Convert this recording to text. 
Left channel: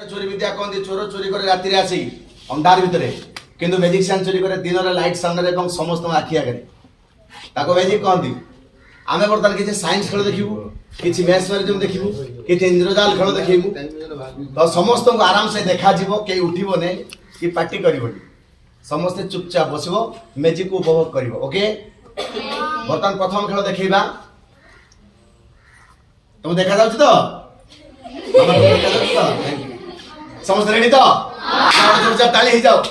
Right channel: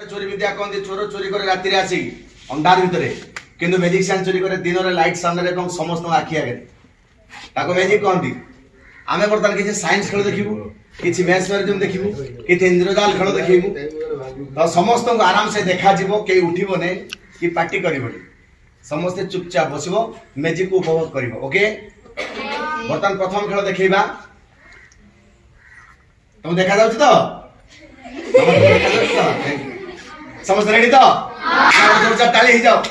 चोरी विद्या कहते चोर चोरी करे राति आसी अंधार भितर किंतु मैजिशियन चोरी करे दिन रे लाइट सामने समस्त आखि आगे ताको मैजिक कहती आमे बर्तमान किसी साइंस खेल देखिबू किसी मैथ्स मैरिजम देखिबू किसी इंद्रजाल खेल देखिबू तो समस्त को आराम से देखा जीवो के उठिबो ने कि पार्टी करिबोनी समस्त चुपचाप बसिबो मैजिक को उपभोग करिबो ओके बर्तमान प्रथम खेल देखैबा तुम देखा जाउछ तो समस्त रेडी तो चुपचाप ताली ही जाओ